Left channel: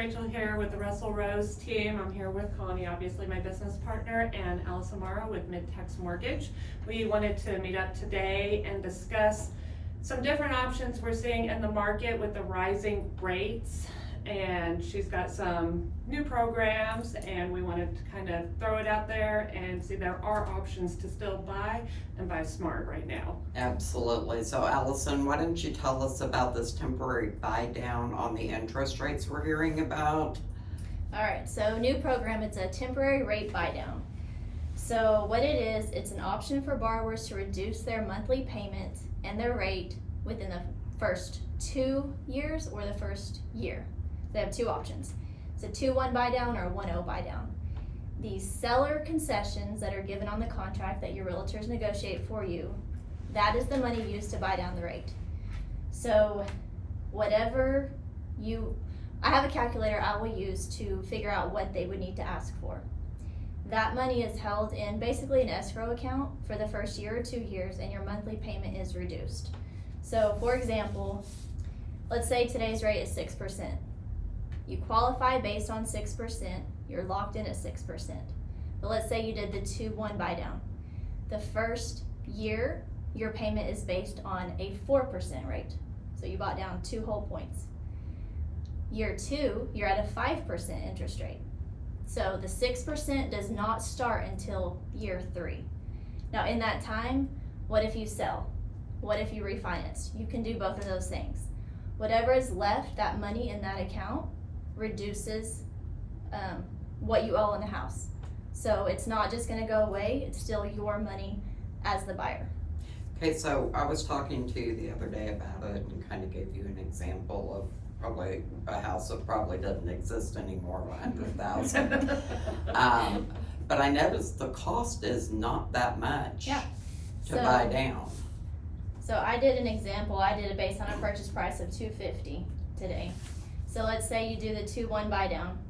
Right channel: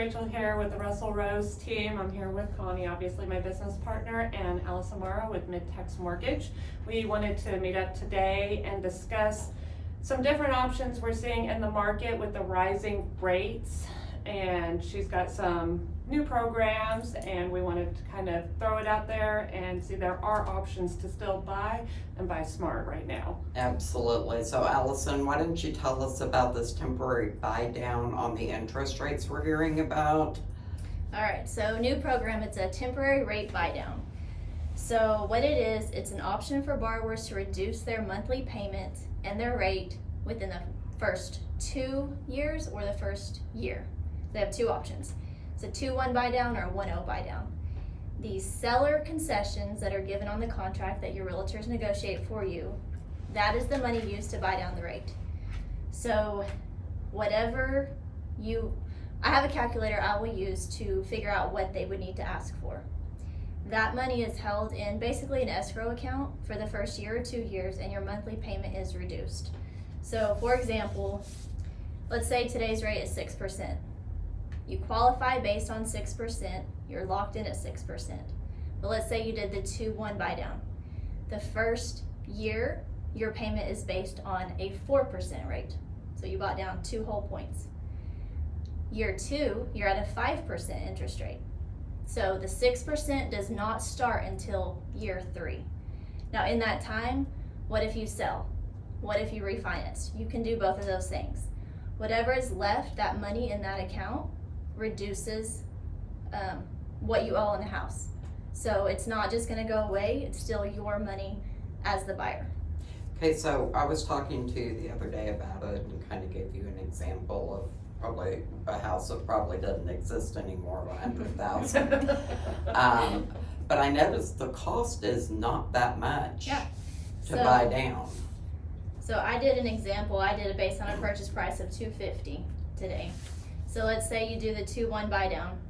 Rachel here with the Russell Rose team. I'm here with Connie, obviously my business partner, and Allison Morrow with Mid Tex Mortgage. We wanted to meet up today and discuss some different options we're seeing in the market with the rising rates. And she's got some new programs, and we wanted to kind of throw it out there and see there are options to still buy and buy smart right now. Absolutely. So Allison, why don't you tell us about this temporary buy down on the interest rates we're hearing about? All right, so new program, it's a temporary rate buy down. So what it is, it's an option for borrowers to reduce their monthly payment and their rate within the first 2 years or the first year. They have two options. It's a 2-1 buy down or a 1-0 buy down. The seller concessions that are given on the contract that your realtors negotiate for you, that is the money used to buy down the rate. So whatever I have a calculator I will use to figure out what they would need to ask for. That money is held in basically an escrow account for the first year or 2 years, and your monthly payment is reduced. So for example, let's say today's rate is 6%. You qualify based on 6%, you're locked in at 6%. But let's say you did the 2-1 buy down. The first year, your payment is based on a 4% rate. So you bought down 2 whole points. Year 2, you're at a 5% interest rate. So the 6% does not start until year 3. Now in that time, what if you sell? What if you refinance? You can do both of those things. Whatever is left, that money in that account, reduces what you owe in the house. So it's not just going to go away, it's still your money as the buyer. Okay, so I was talking to you the other day about it and kind of gave you an example of probably a house that probably doesn't exist anymore, 100,000. But I noticed the cost is not that much to buy down. So I did an example. I did it based on a purchase price of $250 today. So let's say you do the 2-1 buy down.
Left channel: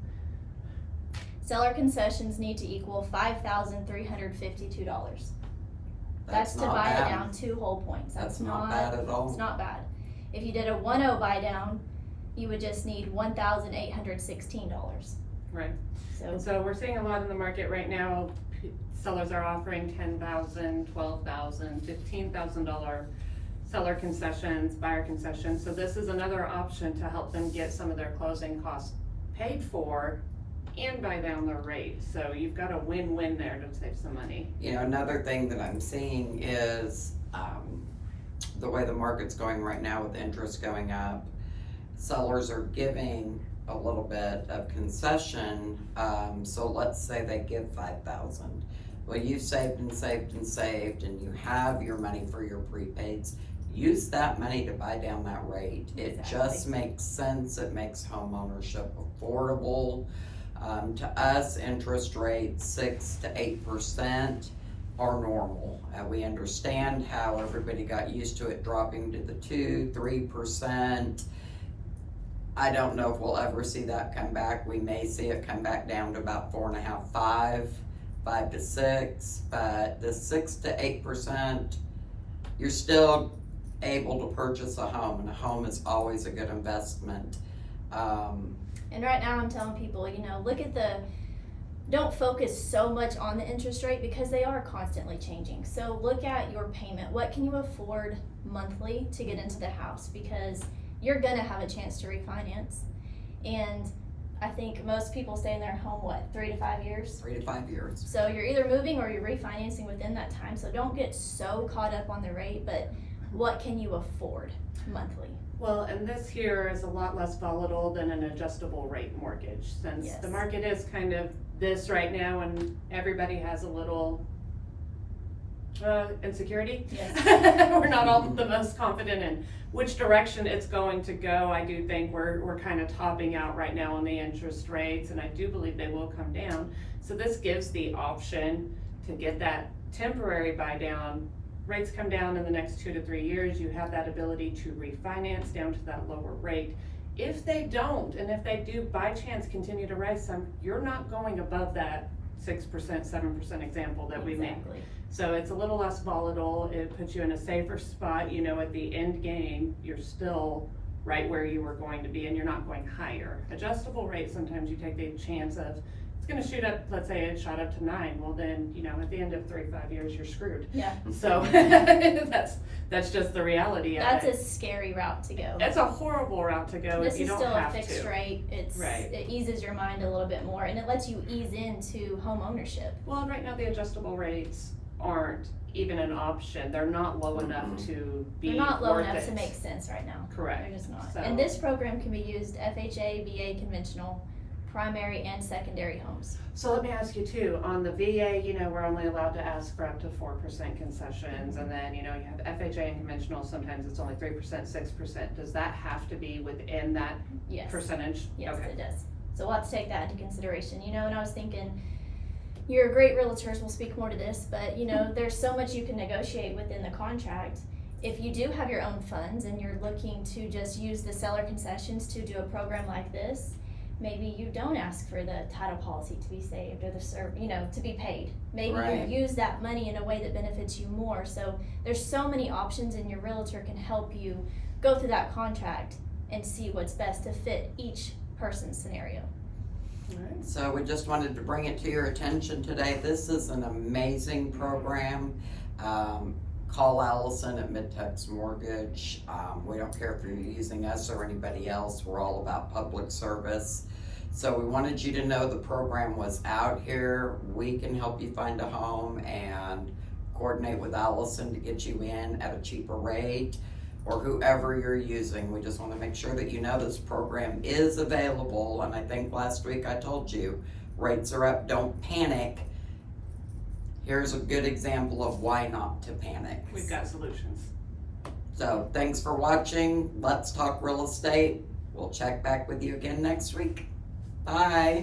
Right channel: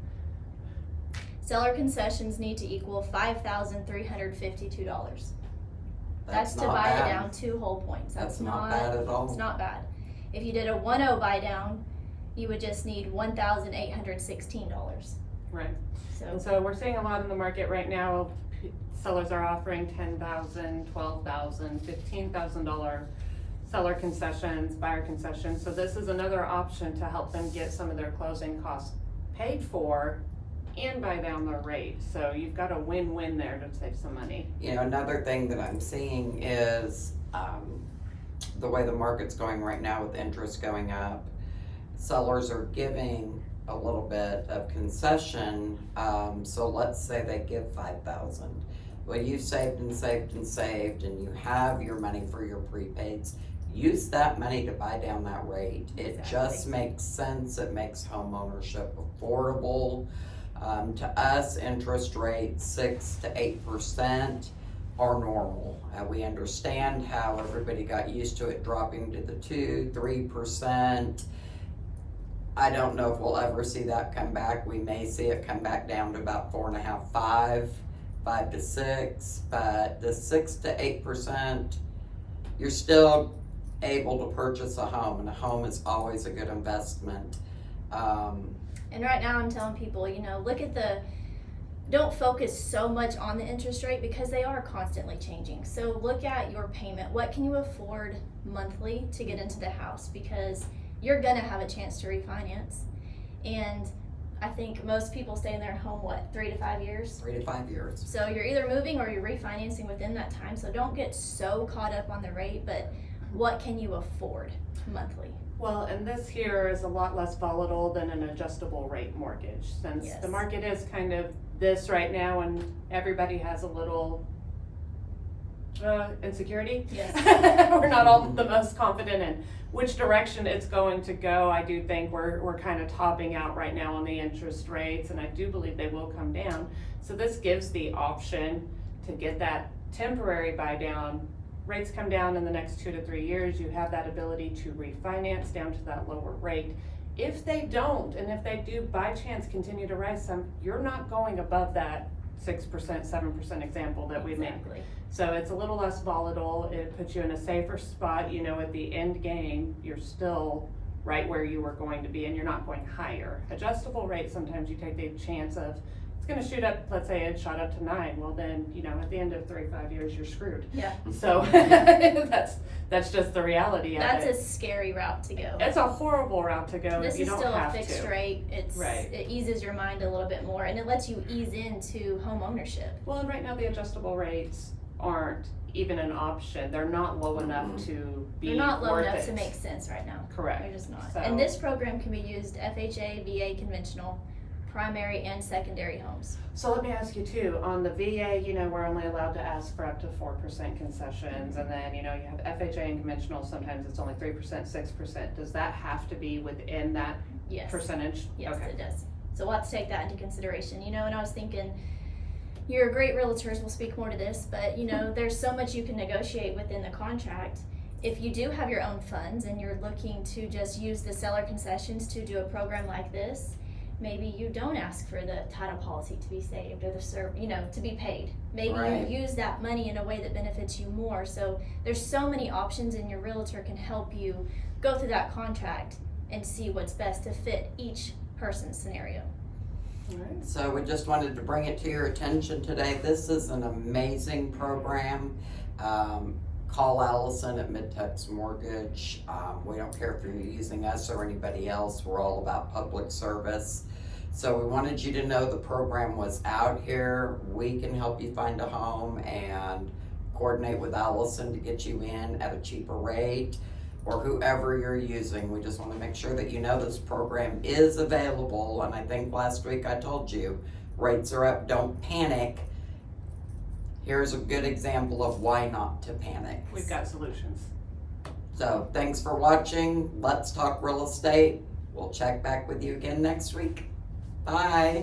Seller concessions need to equal $5,352. That's to buy it down 2 whole points. That's not bad at all. It's not bad. If you did a 1-0 buy down, you would just need $1,816. Right. So we're seeing a lot in the market right now. Sellers are offering $10,000, $12,000, $15,000 seller concessions, buyer concessions. So this is another option to help them get some of their closing costs paid for and buy down the rate. So you've got a win-win there to save some money. You know, another thing that I'm seeing is the way the market's going right now with interest going up, sellers are giving a little bit of concession. So let's say they give $5,000. Well, you've saved and saved and saved, and you have your money for your prepaids. Use that money to buy down that rate. It just makes sense. It makes home ownership affordable. To us, interest rates 6 to 8% are normal. We understand how everybody got used to it dropping to the 2-3%. I don't know if we'll ever see that come back. We may see it come back down to about 4.5, 5 to 6, but the 6 to 8%, you're still able to purchase a home, and a home is always a good investment. And right now I'm telling people, don't focus so much on the interest rate because they are constantly changing. So look at your payment. What can you afford monthly to get into the house? Because you're gonna have a chance to refinance. And I think most people stay in their home, 3 to 5 years? 3 to 5 years. So you're either moving or you're refinancing within that time. So don't get so caught up on the rate, but what can you afford monthly? Well, and this here is a lot less volatile than an adjustable rate mortgage, since the market is kind of this right now, and everybody has a little insecurity. Yes. We're not all the most confident in which direction it's going to go. I do think we're kind of topping out right now on the interest rates, and I do believe they will come down. So this gives the option to get that temporary buy down. Rates come down in the next 2 to 3 years, you have that ability to refinance down to that lower rate. If they don't, and if they do by chance continue to rise some, you're not going above that 6%, 7% example that we made. So it's a little less volatile. It puts you in a safer spot. At the end game, you're still right where you were going to be, and you're not going higher. Adjustable rate, sometimes you take the chance of, it's gonna shoot up, let's say it shot up to 9, well then, at the end of 3-5 years, you're screwed. Yeah. So, that's just the reality of That's it. a scary route to go. It's a horrible route to go This if you is don't still a have fixed to. rate. It eases your mind a little bit more, and it lets you ease into home ownership. Well, and right now the adjustable rates aren't even an option. They're not low enough to be They're not low worth enough it. to make sense right now. Correct. They're just not. So- And this program can be used FHA, VA, conventional, primary, and secondary homes. So let me ask you too, on the VA, we're only allowed to ask for up to 4% concessions, and then, you have FHA and conventional, sometimes it's only 3%, 6%. Does that have to be within that Yes. percentage? Yes, Okay. it does. So we'll have to take that into consideration. And I was thinking, you're great realtors, will speak more to this, but there's so much you can negotiate within the contract. If you do have your own funds and you're looking to just use the seller concessions to do a program like this, maybe you don't ask for the title policy to be saved or to be paid. Maybe Right. you use that money in a way that benefits you more. So there's so many options, and your realtor can help you go through that contract and see what's best to fit each person's scenario. Alright. So we just wanted to bring it to your attention today. This is an amazing program. Call Allison at Mid Tex Mortgage. We don't care if you're using us or anybody else. We're all about public service. So we wanted you to know the program was out here. We can help you find a home and coordinate with Allison to get you in at a cheaper rate, or whoever you're using. We just want to make sure that you know this program is available. And I think last week I told you, rates are up, don't panic. Here's a good example of why not to panic. We've got solutions. So thanks for watching. Let's Talk Real Estate. We'll check back with you again next week. Bye.